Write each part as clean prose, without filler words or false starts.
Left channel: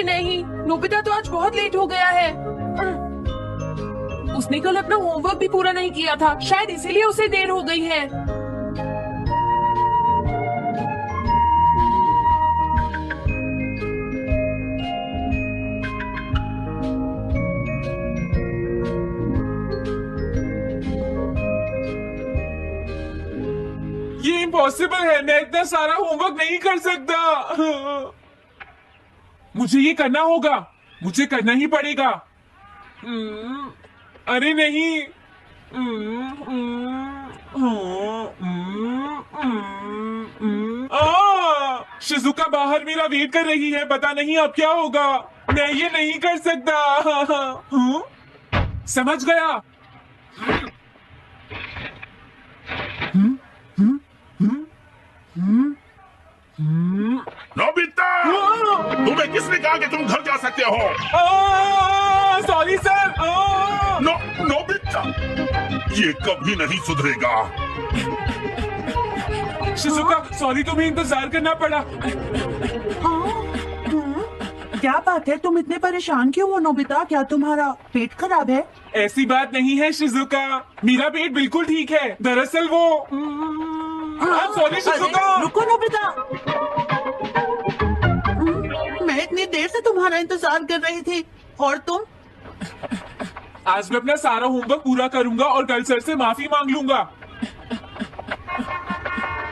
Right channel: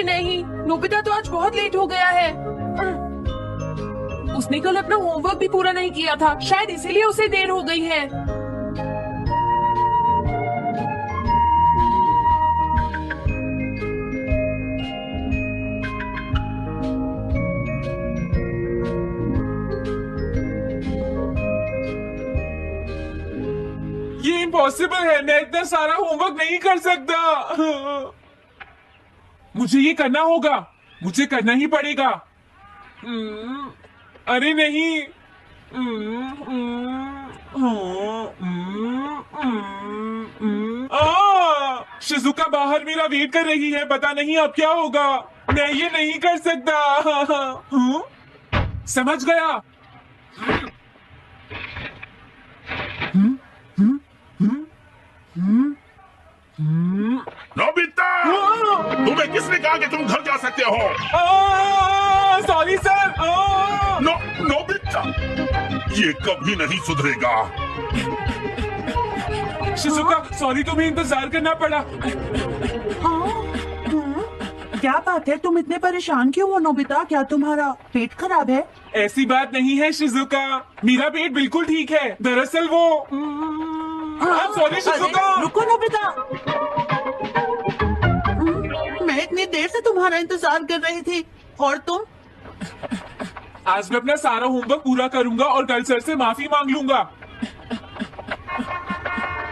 अरे नहीं, नोबिता तो आज बहुत लेट हो गया है। उसने कल अपना होमवर्क भी पूरा नहीं किया था, शायद इसीलिए उसे देर हो गई है। ये इम्पॉसिबल है, मैं इतना सारा होमवर्क नहीं कर सकता। मुझे ये करना होगा, मुझे करना ही पड़ेगा। अरे नहीं। शिजुका बाहर मेरा वेट कर रही है, पता नहीं अब क्या होगा। मैं ये नहीं कर सकता। समझ गया। नोबिता, तुम्हें किसने कहा कि तुम घर जा सकते हो? Sorry sir. नोबिता, ये कभी नहीं सुधरेगा। शिजुका सॉरी, तुम्हें इंतजार करना पड़ा। क्या बात है, तुम इतने परेशान क्यों हो नोबिता? क्या तुम्हारा पेट खराब है? ऐसी बात नहीं है शिजुका, मेरा पेट बिल्कुल ठीक है। दरअसल वो सॉरी शिजुका। रुको नोबिता, मैं इतनी देर से तुम्हारा इंतजार कर रही थी और तुम? आज मैं अपना सारा होमवर्क पूरा करूंगा और कल सर से माफी मांग लूंगा।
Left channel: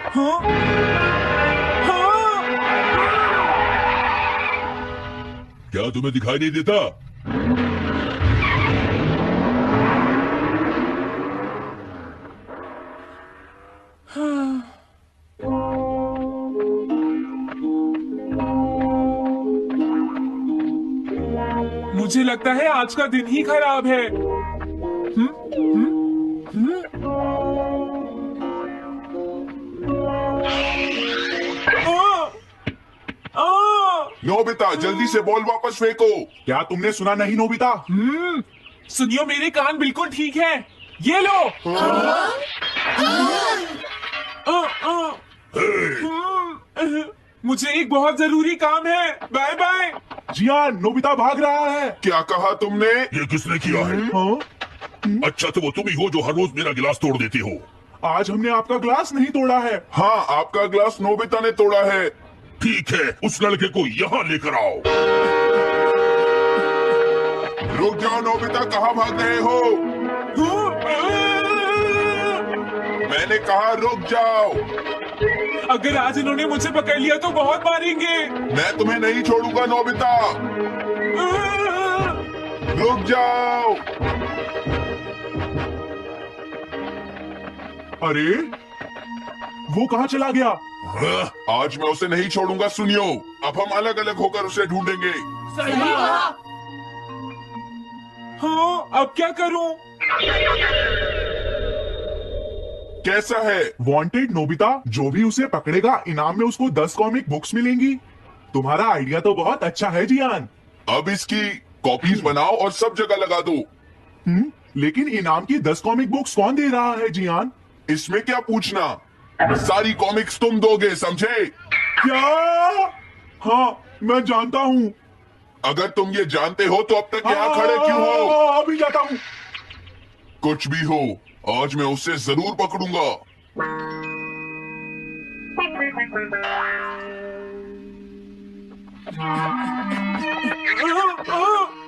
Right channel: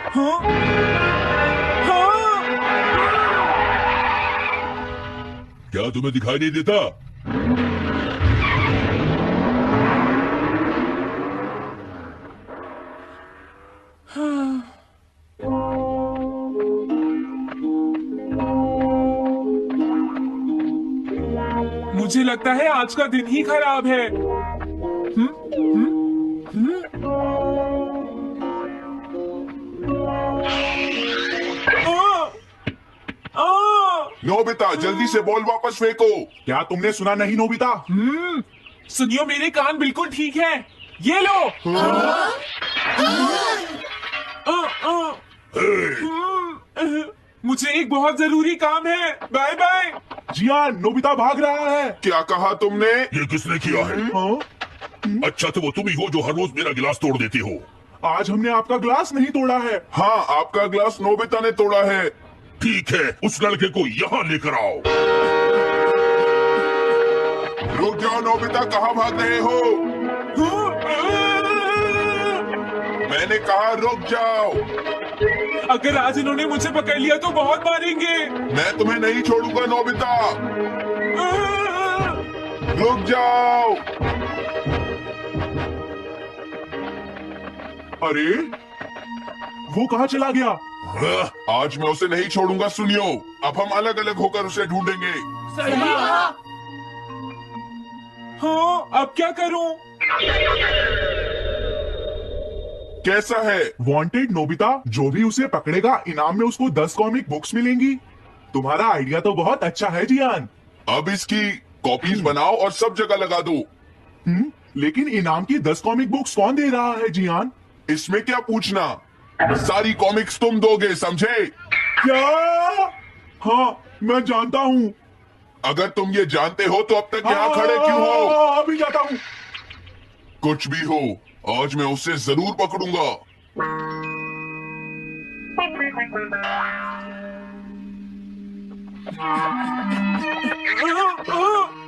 हाँ? हाँ? क्या तुम्हें दिखाई नहीं देता? मुझे लगता है आज का दिन ही खराब है। नोबिता, जल्दी से बॉल वापस फेंको। क्या तुमने सुना नहीं नोबिता? सुनियो, मेरे कान बिल्कुल ठीक है। ये लो। मुझे एक बहुत जरूरी काम है। Bye bye. जियान, नोबिता भाग रहा है। क्या कहा तुमने? ये किसने किया है? अच्छा, तो वो तुम ही हो जो हर रोज मेरा गिलास तोड़ देती हो। आज हमने आपका ग्लास नहीं तोड़ा है। हाँ, आपका ग्लास नोबिता ने तोड़ा है। ठीक है, उस लड़के को यहाँ लेकर आओ। रुक जाओ नोबिता, कहाँ भाग रहे हो? मैंने कहा रुक जाओ। अगर आज इन्होंने मुझे पकड़ लिया तो बहुत मारेंगे। मैं तुम्हें नहीं छोड़ूंगा नोबिता। रुक जाओ। अरे, वो कहाँ चला गया? आज मैं उसे नहीं छोड़ूंगा। सुनियो, अब हम अलग अलग होकर उसे ढूंढेंगे। सही कहा। हाँ, अब क्या करूं? कैसा है? वांटेड नोबिता, जो भी उसे पकड़ेगा इनाम में उसको 10 कॉमिक बुक्स मिलेंगी। तुम्हारा आइडिया तो बहुत अच्छा है जियान। अब इसकी कॉपीज बनाओ और सब जगह लगा दो। लेकिन इनाम की 10 कॉमिक बुक्स कौन दे रहा है जियान? इसमें क्या पूछना, सारी कॉमिक्स तुम दोगे, समझे? क्या? हाँ, मैं जानता हूँ। अगर तुम ये जानते हो तो अब तक यहाँ खड़े क्यों हो? अभी जाता हूँ। कुछ भी हो, आज मैं उसे जरूर पकड़ूंगा।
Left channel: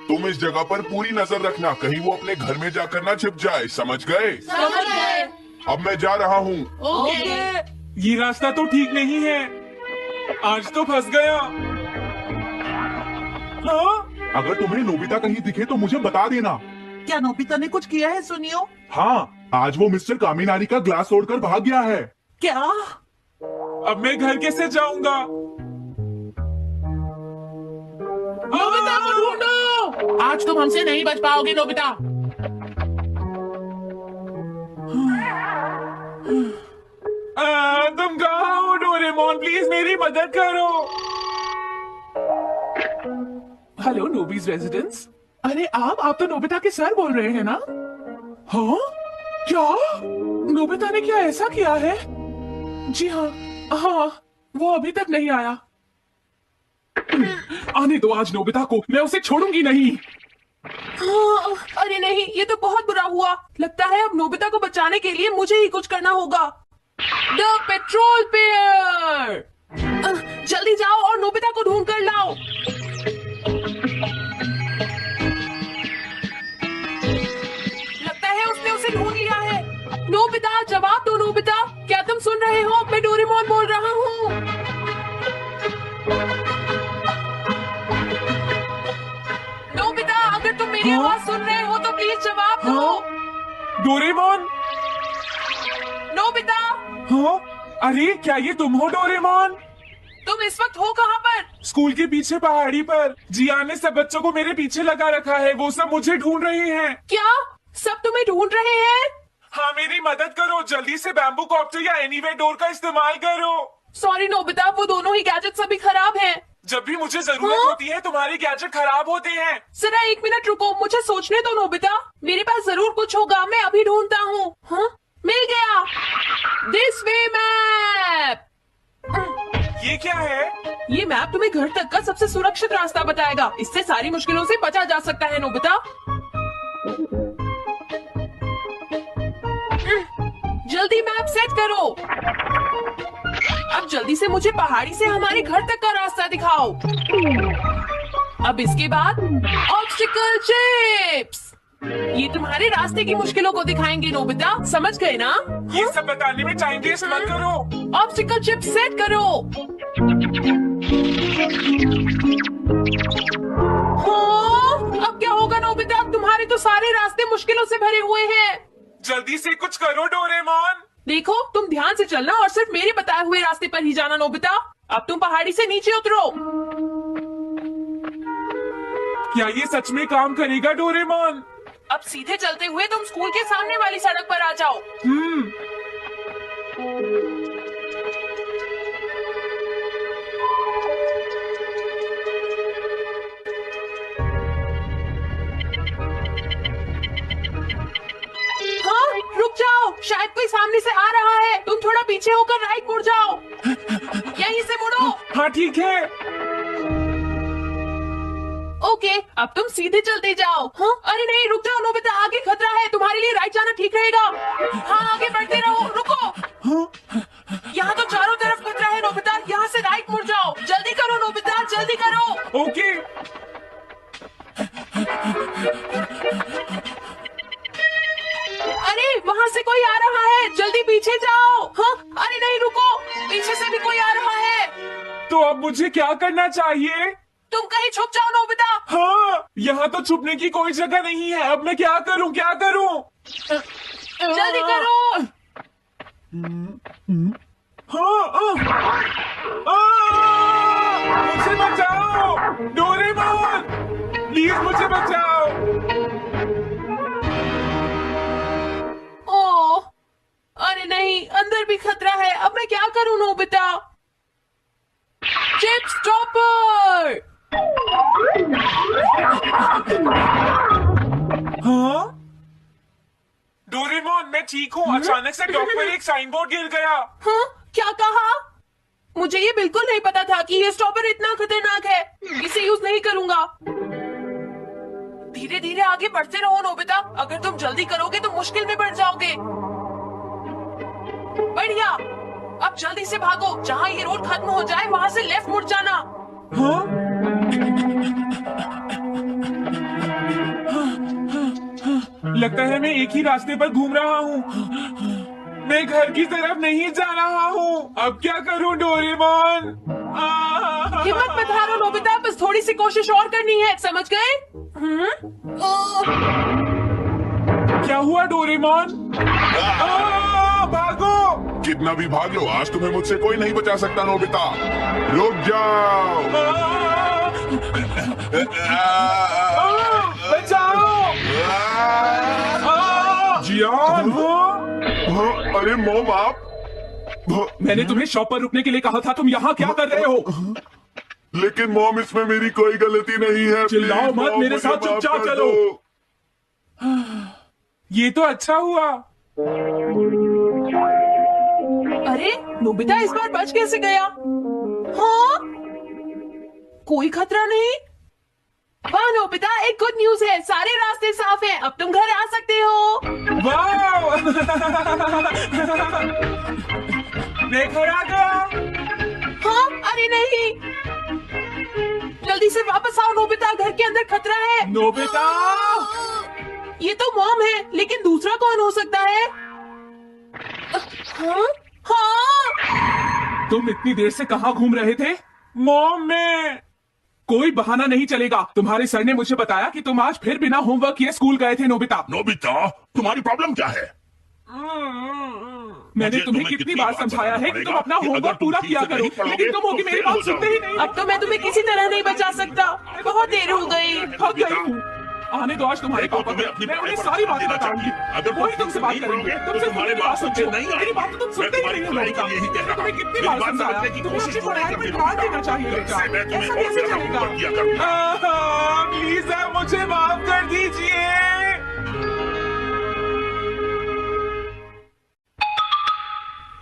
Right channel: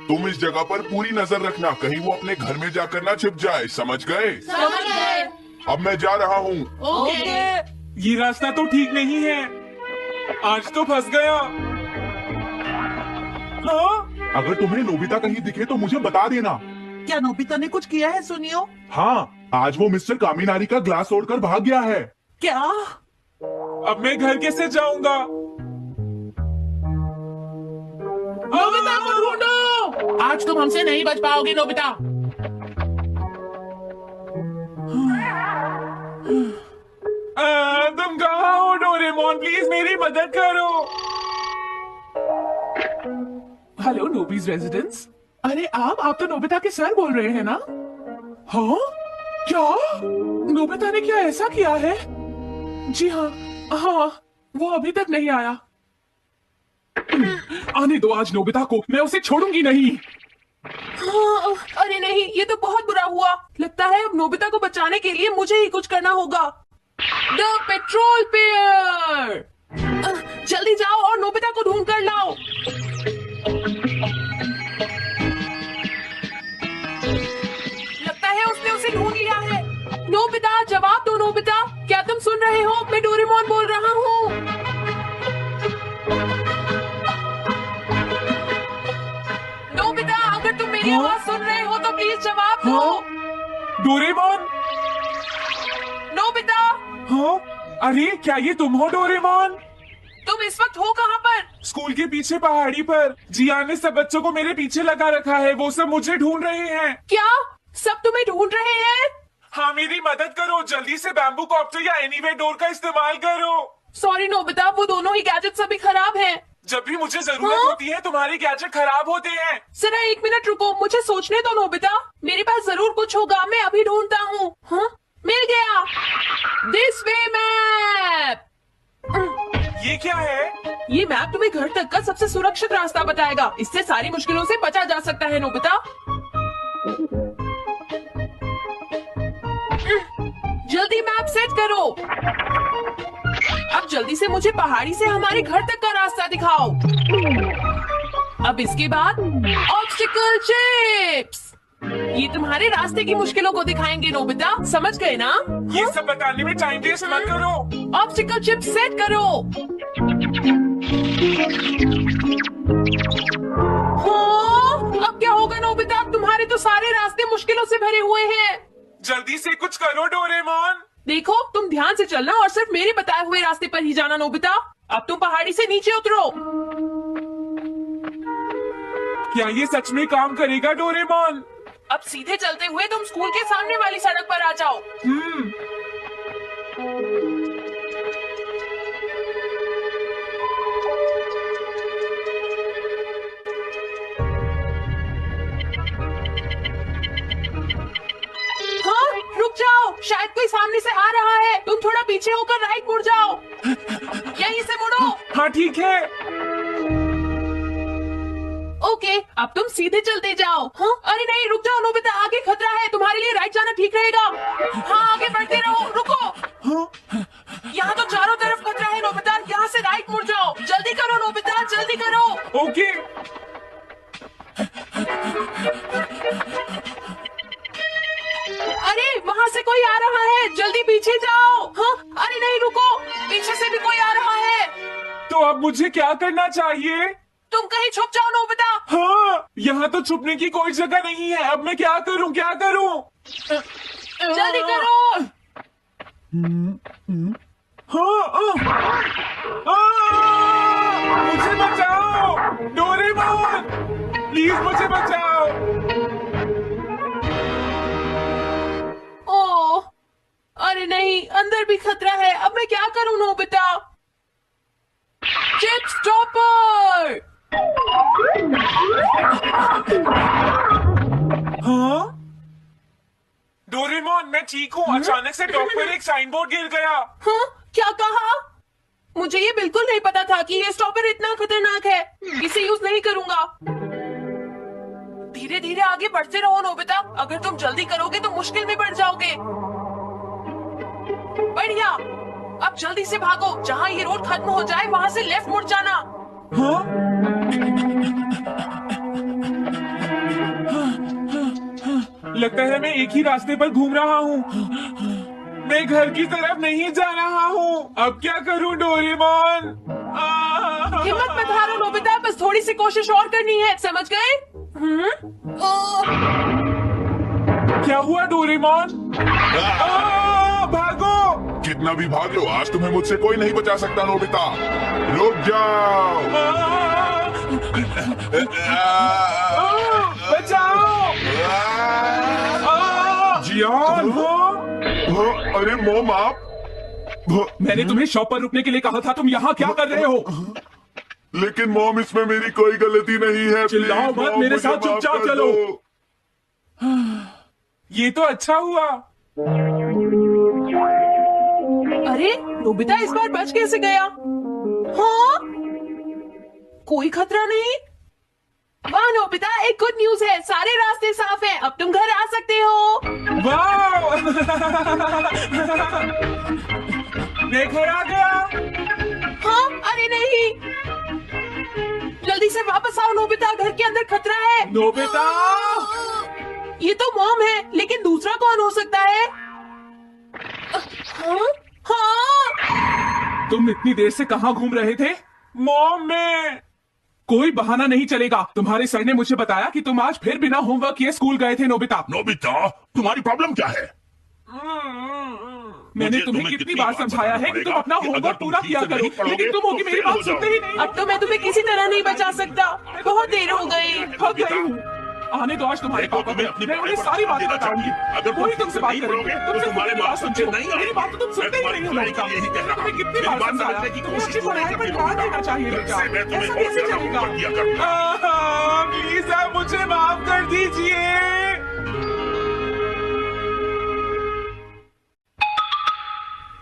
तुम इस जगह पर पूरी नजर रखना, कहीं वो अपने घर में जाकर ना छिप जाए, समझ गए? समझ गए। अब मैं जा रहा हूँ। ओके। ये रास्ता तो ठीक नहीं है, आज तो फंस गया। हाँ? अगर तुम्हें नोबिता कहीं दिखे तो मुझे बता देना। क्या नोबिता ने कुछ किया है सुनियो? हाँ, आज वो मिस्टर कामिनारी का ग्लास तोड़कर भाग गया है। क्या? अब मैं घर कैसे जाऊंगा? नोबिता को ढूंढो। आज तुम हमसे नहीं बच पाओगे नोबिता। तुम कहाँ हो डोरेमोन? प्लीज मेरी मदद करो। हेलो नोबीज रेजिडेंस। अरे आप तो नोबिता के सर बोल रहे हैं ना? हाँ? क्या? नोबिता ने क्या ऐसा किया है? जी हाँ, हाँ, वो अभी तक नहीं आया। आने दो आज नोबिता को, मैं उसे छोड़ूंगी नहीं। हाँ, अरे नहीं, ये तो बहुत बुरा हुआ। लगता है अब नोबिता को बचाने के लिए मुझे ही कुछ करना होगा। द पेट्रोल पेयर, जल्दी जाओ और नोबिता को ढूंढ कर लाओ। लगता है उसने उसे ढूंढ लिया है। नोबिता, जवाब दो नोबिता, क्या तुम सुन रहे हो? मैं डोरेमोन बोल रहा हूँ। नोबिता, अगर तुम मेरी आवाज सुन रहे हो तो प्लीज जवाब दो। डोरेमोन। नोबिता, हाँ, अरे क्या ये तुम हो डोरेमोन? तुम इस वक्त हो कहाँ पर? स्कूल के पीछे पहाड़ी पर जियान ने सब बच्चों को मेरे पीछे लगा रखा है, वो सब मुझे ढूंढ रहे हैं। क्या सब तुम्हें ढूंढ रहे हैं? हाँ, मेरी मदद करो, जल्दी से बैम्बू कॉप्टर या एनीवे डोर का इस्तेमाल करो। सॉरी नोबिता, वो दोनों ही गैजेट्स अभी खराब हैं। जब भी मुझे जरूरत हाँ? होती है तुम्हारे गैजेट खराब होते हैं। जरा 1 मिनट रुको, मुझे सोचने दो नोबिता, मेरे पास जरूर कुछ होगा, मैं अभी ढूंढता हूँ। हाँ, मिल गया, दिस वे मैप। ये क्या है? ये मैप तुम्हें घर तक का सबसे सुरक्षित रास्ता बताएगा। इससे सारी मुश्किलों से बचा जा सकता है नोबिता। जल्दी मैप सेट करो। अब जल्दी से मुझे पहाड़ी से हमारे घर तक का रास्ता दिखाओ। अब इसके बाद ऑब्स्टिकल चिप्स, ये तुम्हारे रास्ते की मुश्किलों को दिखाएंगे नोबिता, समझ गए ना? ये सब बताने में टाइम वेस्ट मत करो। ऑब्स्टिकल चिप्स सेट करो। हाँ, अब क्या होगा नोबिता? तुम्हारे तो सारे रास्ते मुश्किलों से भरे हुए हैं। जल्दी से कुछ करो डोरेमोन। देखो, तुम ध्यान से चलना और सिर्फ मेरे बताए हुए रास्ते पर ही जाना नोबिता। अब तुम पहाड़ी से नीचे उतरो। क्या ये सच में काम करेगा डोरेमोन? अब सीधे चलते हुए तुम स्कूल के सामने वाली सड़क पर आ जाओ। हाँ, रुक जाओ, शायद कोई सामने से आ रहा है। तुम थोड़ा पीछे होकर राइट मुड़ जाओ। यहीं से मुड़ो। हाँ ठीक है। ओके, अब तुम सीधे चलते जाओ। हाँ, अरे नहीं, रुक जाओ नोबिता, आगे खतरा है, तुम्हारे लिए राइट जाना ठीक रहेगा। हाँ, आगे बढ़ते रहो, रुको। यहाँ तो चारों तरफ खतरा है नोबिता, यहाँ से राइट मुड़ जाओ। जल्दी करो नोबिता, जल्दी करो। ओके। अरे वहाँ से कोई आ रहा है, जल्दी पीछे जाओ। हाँ, अरे नहीं, रुको, पीछे से भी कोई आ रहा है। तो अब मुझे क्या करना चाहिए? तुम कहीं छुप जाओ नोबिता। हाँ, यहाँ तो छुपने की कोई जगह नहीं है। अब मैं क्या करूँ, क्या करूँ? जल्दी करो। हाँ, मुझे बचाओ डोरेमोन, प्लीज मुझे बचाओ। ओह, अरे नहीं, अंदर भी खतरा है। अब मैं क्या करूँ नोबिता? Chip stopper. हाँ डोरेमोन, मैं ठीक हूँ। अचानक से टॉप पर एक साइन बोर्ड गिर गया। हाँ, क्या कहा? मुझे ये बिल्कुल नहीं पता था कि ये स्टॉपर इतना खतरनाक है। इसे यूज नहीं करूंगा। धीरे धीरे आगे बढ़ते रहो नोबिता, अगर तुम जल्दी करोगे तो मुश्किल में पड़ जाओगे। बढ़िया, अब जल्दी से भागो। जहाँ ये रोड खत्म हो जाए वहाँ से लेफ्ट मुड़ जाना। हाँ? लगता है मैं एक ही रास्ते पर घूम रहा हूँ। मैं घर की तरफ नहीं जा रहा हूँ। अब क्या करूँ डोरेमोन? हिम्मत मत हारो नोबिता, बस थोड़ी सी कोशिश और करनी है, समझ गए? क्या हुआ डोरेमोन? भागो! कितना भी भाग लो, आज तुम्हें मुझसे कोई नहीं बचा सकता नोबिता। रुक जाओ। बचाओ! जियान! अरे मॉम, आप मैंने तुम्हें शॉप पर रुकने के लिए कहा था, तुम यहाँ क्या कर रहे हो? लेकिन मॉम, इसमें मेरी कोई गलती नहीं है। चिल्लाओ प्लीज, मत, मॉम, मेरे मुझे साथ माफ चुपचाप कर चलो। दो। ये तो अच्छा हुआ। अरे नोबिता इस बार बच कैसे गया? हाँ, कोई खतरा नहीं। वाह नोबिता, एक गुड न्यूज है, सारे रास्ते साफ हैं, अब तुम घर आ सकते हो। वाओ! मैं घर आ गया। हाँ, अरे नहीं, जल्दी से वापस आओ नोबिता, घर के अंदर खतरा है। नोबिता! ये तो मॉम है, लेकिन दूसरा कौन हो सकता है? हाँ? हाँ? तुम इतनी देर से कहाँ घूम रहे थे? मॉम, मैं कोई बहाना नहीं चलेगा। तुम्हारे सर ने मुझे बताया कि तुम आज फिर बिना होमवर्क किए स्कूल गए थे। नोबिता, नोबिता, तुम्हारी प्रॉब्लम क्या है? मैंने तुम्हें कितनी बार समझाया है कि तुम अपना होमवर्क पूरा किया करो, लेकिन तुम होगी मेरी बात सुनते ही नहीं। अब तो मैं तुम्हें किसी तरह नहीं बचा सकता, बहुत देर हो गई। थक गई हूँ। आने दो आज तुम्हारे पापा को, मैं उन्हें सारी बातें बताऊंगी। अगर वही तुमसे बात करेंगे, तुमसे तुम्हारे मेरी बात बात सुनते सुनते नहीं, मेरी बात तो तुम सुनते ही नहीं हो। तुम्हारी यही कह रहा हूं। तुम्हें कितनी मेरी बार बात समझाया समझने की कि तुम्हें कोशिश अपनी पढ़ाई पर ध्यान देना चाहिए बेटा। इससे मैं तुम्हें ऐसा बहुत कैसे ज्यादा चलेगा? होमवर्क दिया करता। प्लीज आप मुझे माफ कर दीजिए।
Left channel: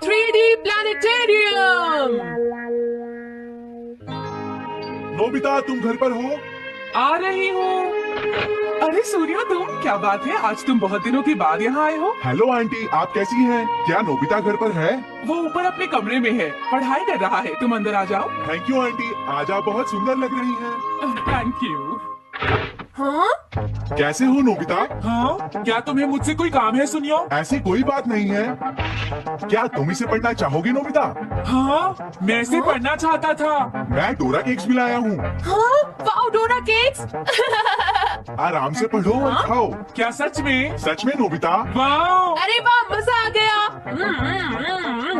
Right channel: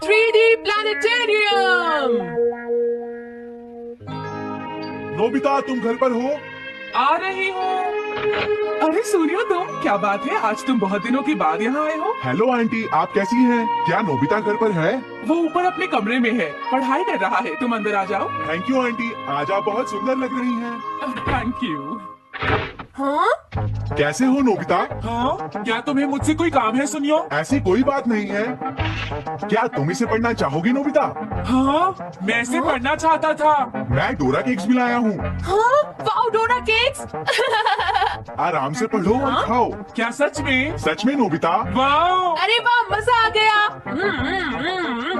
3D planetarium. नोबिता, तुम घर पर हो? आ रही हूँ। अरे सूर्यो, तुम, क्या बात है, आज तुम बहुत दिनों के बाद यहाँ आए हो। हेलो आंटी, आप कैसी हैं? क्या नोबिता घर पर है? वो ऊपर अपने कमरे में है, पढ़ाई कर रहा है। तुम अंदर आ जाओ। थैंक यू आंटी, आज आप बहुत सुंदर लग रही हैं। Thank you. हाँ? कैसे हो नोबिता? हाँ, क्या तुम्हें मुझसे कोई काम है सुनियो? ऐसी कोई बात नहीं है। क्या तुम इसे पढ़ना चाहोगी नोबिता? हाँ, मैं इसे पढ़ना चाहता था। मैं डोरा केक्स भी लाया हूँ। हाँ? वाओ, डोरा केक्स। आराम से पढ़ो और खाओ। क्या सच में? सच में नोबिता? वाओ! अरे वाह, मजा आ गया।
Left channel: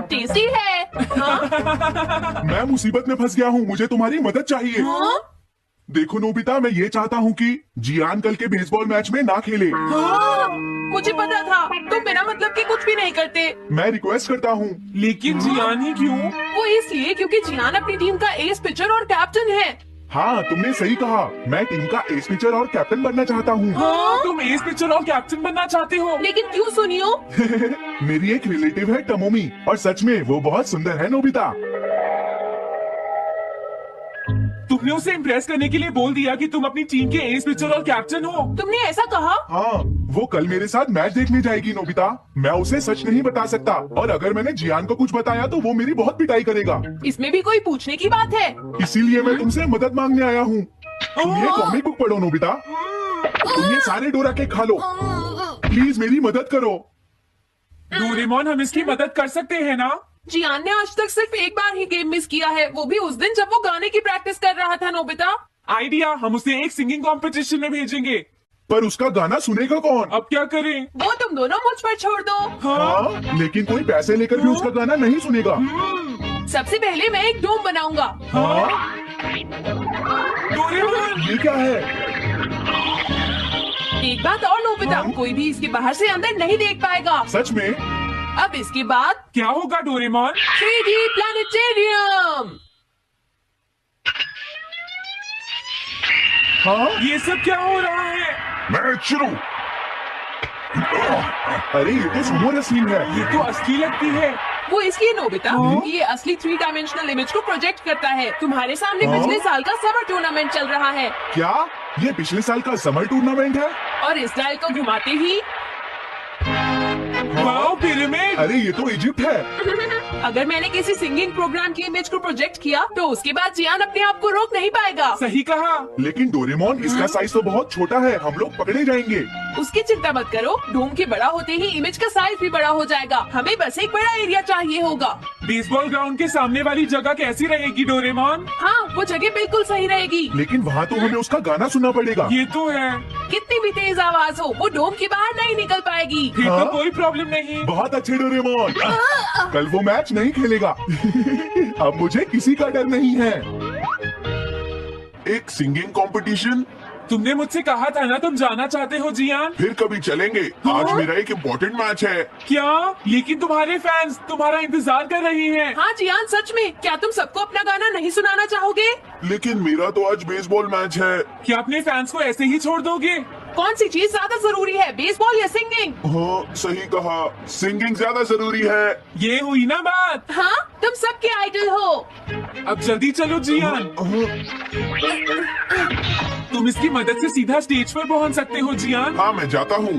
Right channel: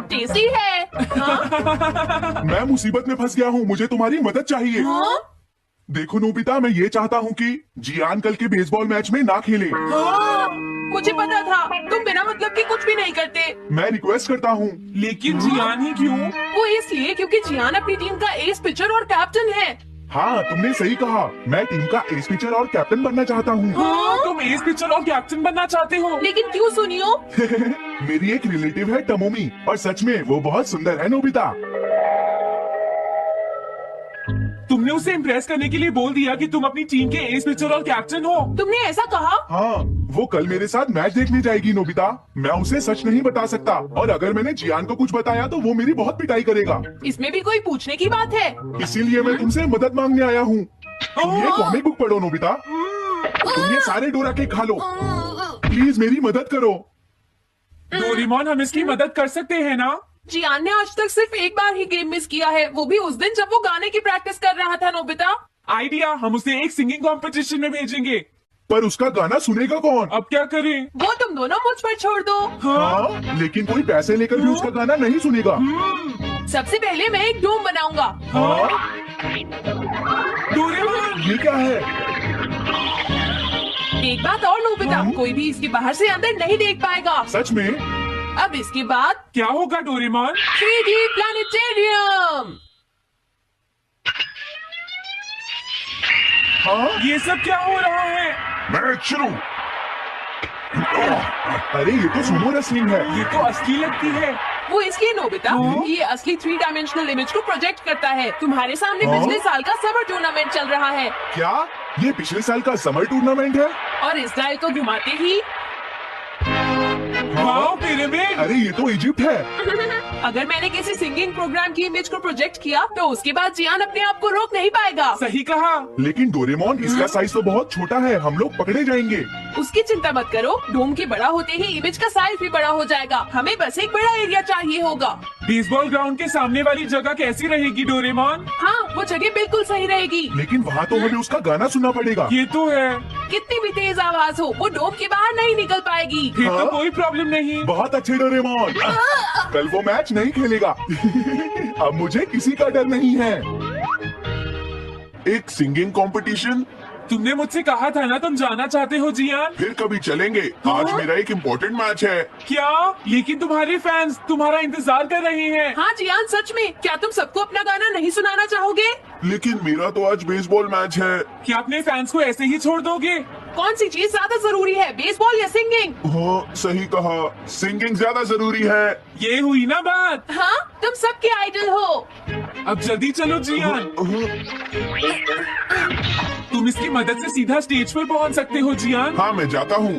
टेस्टी है। हाँ? मैं मुसीबत में फंस गया हूँ, मुझे तुम्हारी मदद चाहिए। हाँ? देखो नोबिता, मैं ये चाहता हूँ कि जियान कल के बेसबॉल मैच में ना खेले। हाँ? मुझे पता था, तुम बिना मतलब के कुछ भी नहीं करते। मैं रिक्वेस्ट करता हूँ। लेकिन जियान ही क्यों? वो इसलिए क्योंकि जियान अपनी टीम का एस पिचर और कैप्टन है। हाँ, तुमने सही कहा, मैं टीम का एस पिचर और कैप्टन बनना चाहता हूँ। हाँ? तुम एस पिचर और कैप्टन बनना चाहते हो? लेकिन क्यों सुनियो? मेरी एक रिलेटिव है टमोमी, और सच में वो बहुत सुंदर है नोबिता। तुमने उसे इम्प्रेस करने के लिए बोल दिया कि तुम अपनी टीम के एस पिचर और कैप्टन हो। तुमने ऐसा कहा? हाँ, वो कल मेरे साथ मैच देखने जाएगी नोबिता। मैं उसे सच नहीं बता सकता, और अगर मैंने जियान को कुछ बताया तो वो मेरी बहुत पिटाई करेगा। इसमें भी कोई पूछने की बात है? इसीलिए मैं तुमसे मदद मांगने आया हूँ। तुम ये कॉमिक बुक पढ़ो नोबिता। तुम ये सारे डोरा केक खा लो। प्लीज मेरी मदद करो। डोरेमोन, हम इसकी मदद कर सकते हैं ना? जियान ने आज तक सिर्फ एक बार ही गेम मिस किया है, वो भी उस दिन जब वो गाने की प्रैक्टिस कर रहा था। नोबिता, आइडिया, हम उसे एक सिंगिंग कंपटीशन में भेजेंगे। पर उसका गाना सुनेगा कौन? अब क्या करें? वो तुम दोनों मुझ पर छोड़ दो। हाँ, लेकिन कोई पैसे लेकर भी उसका गाना नहीं सुनेगा। सबसे पहले मैं एक डोम बनाऊंगा। हाँ, डोरेमोन! ये क्या है? एक बात और नोबिता, कोई भी इसके बाहर से अंदर नहीं देख पाएगा। सच में? अब इसके बाद क्या होगा डोरेमोन? 3D planetarium. हाँ, ये सब क्या हो रहा है? मैच शुरू। अरे ये तो सुमो रेसलिंग है। ये तो असली लगती है। वो इसलिए नोबिता, ये असली 3 डायमेंशनल इमेज को प्रोजेक्ट करता है। तुम्हारे सामने हाँ? पिछले साल का समर टूर्नामेंट चल रहा है, क्या ये पिछले साल का समर टूर्नामेंट है? और इस डायल को घुमाते ही वाओ, पिरामिड! अरे ये तो इजिप्ट है। अगर मैंने किसी सिंगिंग प्रोग्राम की इमेज को प्रोजेक्ट किया तो उसके बाद जियान अपने आप को रोक नहीं पाएगा। सही कहा। लेकिन डोरेमोन, इसका साइज तो बहुत छोटा है, हम लोग पकड़े जाएंगे। उसकी चिंता मत करो, डोम के बड़ा होते ही इमेज का साइज भी बड़ा हो जाएगा। हमें बस एक बड़ा एरिया चाहिए होगा। बेसबॉल ग्राउंड के सामने वाली जगह कैसी रहेगी डोरेमोन? हाँ, वो जगह बिल्कुल सही रहेगी। लेकिन वहाँ तो हमें उसका गाना सुनना पड़ेगा। ये तो है। कितनी भी तेज आवाज हो, वो डोम के बाहर नहीं निकल पाएगी। ये हाँ? तो कोई प्रॉब्लम नहीं। बहुत अच्छे डोरेमोन। कल वो मैच नहीं खेलेगा। अब मुझे किसी का डर नहीं है। एक सिंगिंग कंपटीशन? तुमने मुझसे कहा था ना तुम जाना चाहते हो जियान। फिर कभी चलेंगे। आज मेरा एक इम्पोर्टेंट मैच है। क्या? लेकिन तुम्हारे फैंस तुम्हारा इंतजार कर रहे हैं। हाँ जियान, सच में, क्या तुम सबको अपना गाना नहीं सुनाना चाहोगे? लेकिन मेरा तो आज बेसबॉल मैच है। क्या अपने फैंस को ऐसे ही छोड़ दोगे? कौन सी चीज ज्यादा जरूरी है, बेसबॉल या सिंगिंग? हाँ, सही कहा, सिंगिंग ज्यादा जरूरी है। ये हुई ना बात। हाँ, तुम सबके आइडल हो। अब जल्दी चलो जियान। तुम इसकी मदद से सीधा स्टेज पर पहुंच सकते हो जियान। हाँ मैं जाता हूँ।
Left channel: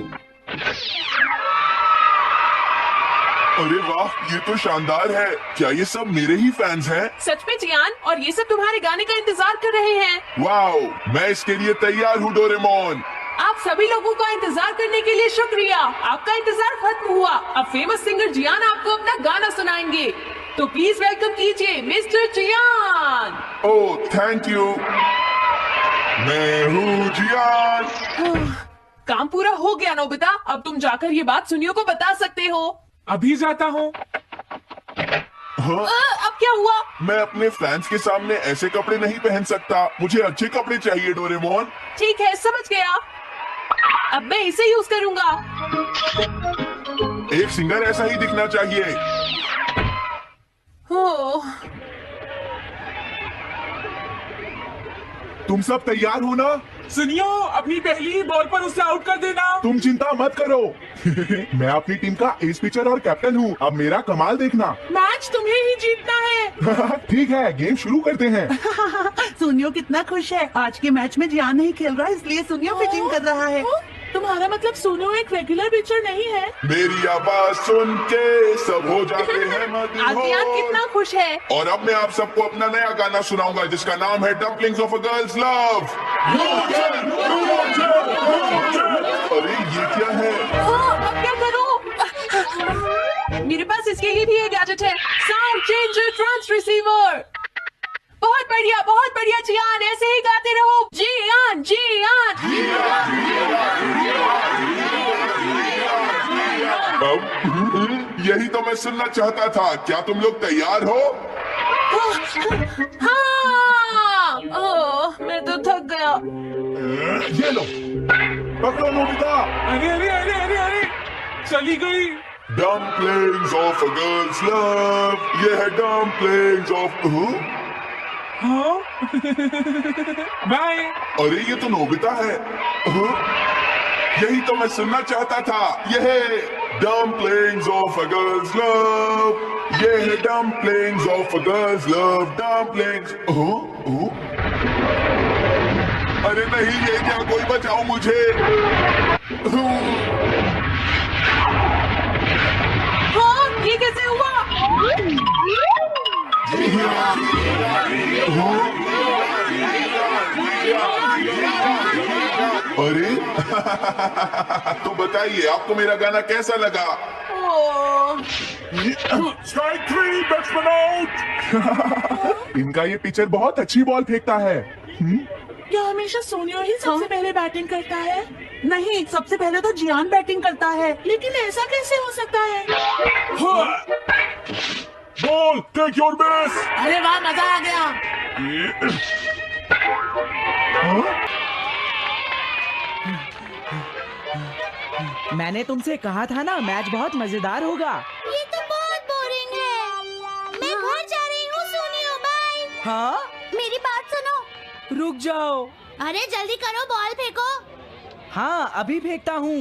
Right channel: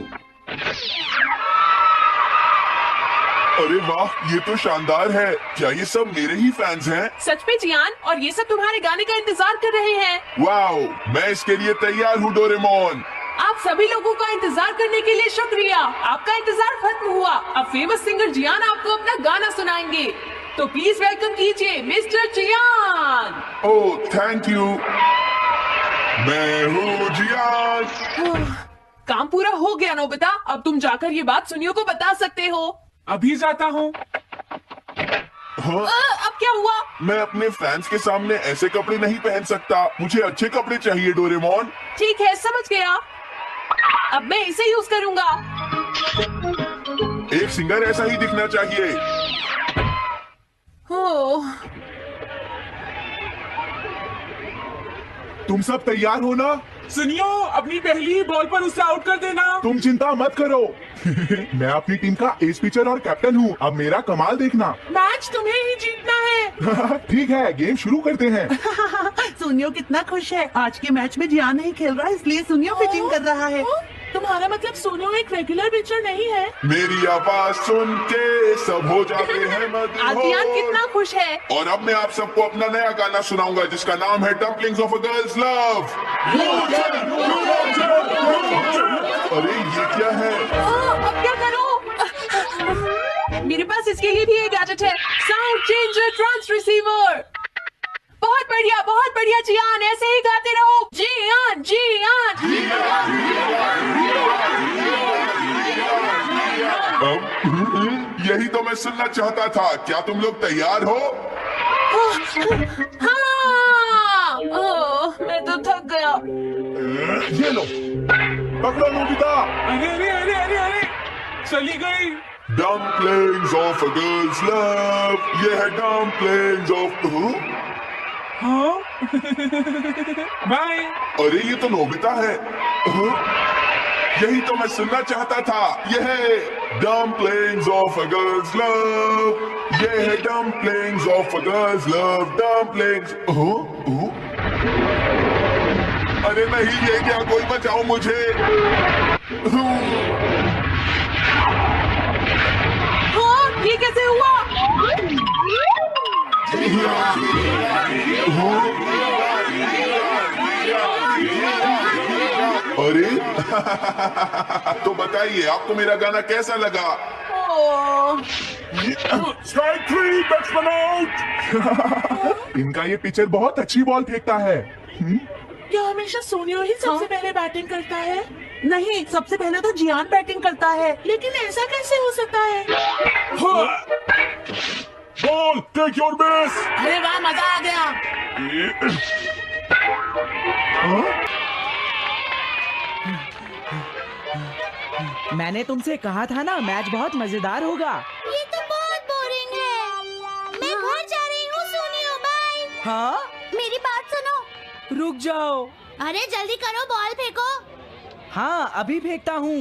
अरे वाह, ये तो शानदार है। क्या ये सब मेरे ही फैंस हैं? सच में जियान, और ये सब तुम्हारे गाने का इंतजार कर रहे हैं। वाओ, मैं इसके लिए तैयार हूँ डोरेमोन। आप सभी लोगों का इंतजार करने के लिए शुक्रिया। आपका इंतजार खत्म हुआ। अब फेमस सिंगर जियान आपको अपना गाना सुनाएंगे, तो प्लीज वेलकम कीजिए मिस्टर जियान। Oh thank you. मैं हूँ जियान। काम पूरा हो गया नोबिता, अब तुम जाकर ये बात सुनियो को बता सकते हो। अभी जाता हूँ। हाँ? अब क्या हुआ? मैं अपने फैंस के सामने ऐसे कपड़े नहीं पहन सकता। मुझे अच्छे कपड़े चाहिए डोरेमोन। ठीक है, समझ गया। अब मैं इसे यूज करूंगा। एक सिंगर ऐसा ही दिखना चाहिए। ओह, तुम सब तैयार हो ना? सुनियो, अपनी पहली बॉल पर उसे आउट कर देना। तुम चिंता मत करो। मैं अपनी टीम का एस पिचर और कैप्टन हूँ। अब मेरा कमाल देखना। मैच तुम्हें ही जीतना है। ठीक है, गेम शुरू करते हैं। सुनियो कितना खुश है। आज के मैच में जियान नहीं खेल रहा, इसलिए सुनियो बैटिंग कर रहा है। तुम्हारा मतलब सोनू एक रेगुलर पिचर नहीं है? मेरी आवाज सुन के सब हो जाते हैं आसियान मदहोश। कितना खुश है। और अब मैं आप सबको अपना नया गाना सुनाऊंगा जिसका नाम है dumplings of a girls love. अरे ये क्या है? अब क्या करूं? मेरे पास इसके लिए भी एक गैजेट है, साउंड चेंजर ट्रांस रिसीवर। बहुत बढ़िया जियान, ऐसे ही गाते रहो। जियान जियान। अब यही तो मैं सुनना चाहता था। क्या तुम लोग तैयार हो? हाँ। ओह, मैं तो थक गया। ये लो, पकड़ो नोबिता। अरे, चली गई। Dumplings of a girls love. ये है डम्पलिंग्स ऑफ। हाँ। बाय। अरे ये तो नोबिता है। यही तो मैं सुनना चाहता था। यह है dumplings of a girls love. ये है dumplings of a girls love. Dumplings. अरे नहीं, ये क्या? कोई बचाओ मुझे। हाँ, ये कैसे हुआ? अरे तो बताइए, आपको मेरा गाना कैसा लगा? ओह, स्ट्राइक 3, बैट्समैन आउट। इनका ये पिचर बहुत अच्छी बॉल फेंकता है। क्या हमेशा सोनियो ही सबसे पहले बैटिंग करता है? नहीं, सबसे पहले तो जियान बैटिंग करता है। लेकिन ऐसा कैसे हो सकता है? Ball, take your base. अरे वाह, मजा आ गया। मैंने तुमसे कहा था ना, मैच बहुत मजेदार होगा। ये तो बहुत बोरिंग है। मैं घर जा रही हूँ सोनियो, बाय। हाँ, मेरी बात सुनो। रुक जाओ। अरे जल्दी करो, बॉल फेंको। हाँ, अभी फेंकता हूँ।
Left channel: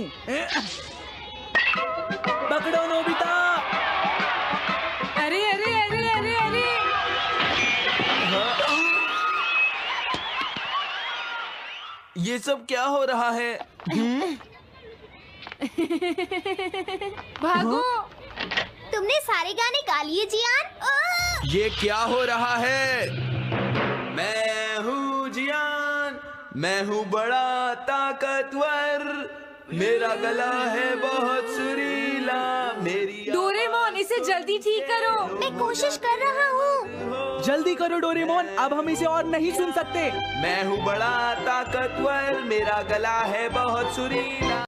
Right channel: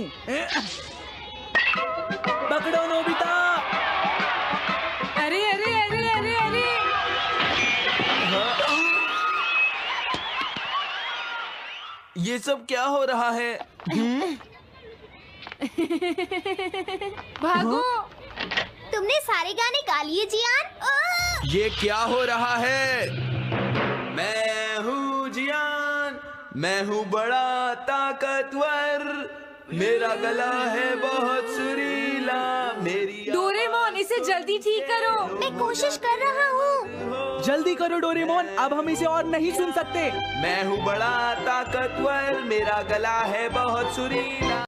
पकड़ो नोबिता। अरे अरे अरे अरे अरे। ये सब क्या हो रहा है? भागो। तुमने सारे गाने गा लिए जियान। ये क्या हो रहा है? मैं हूँ जियान, मैं हूँ बड़ा ताकतवर, मेरा गला है बहुत सुरीला, मेरी डोरेमोन, इसे जल्दी ठीक करो। मैं कोशिश कर रहा हूँ। जल्दी करो डोरेमोन, अब हम इसे और नहीं सुन सकते। मैं हूँ बड़ा ताकतवर, मेरा गला है बहुत सुरीला।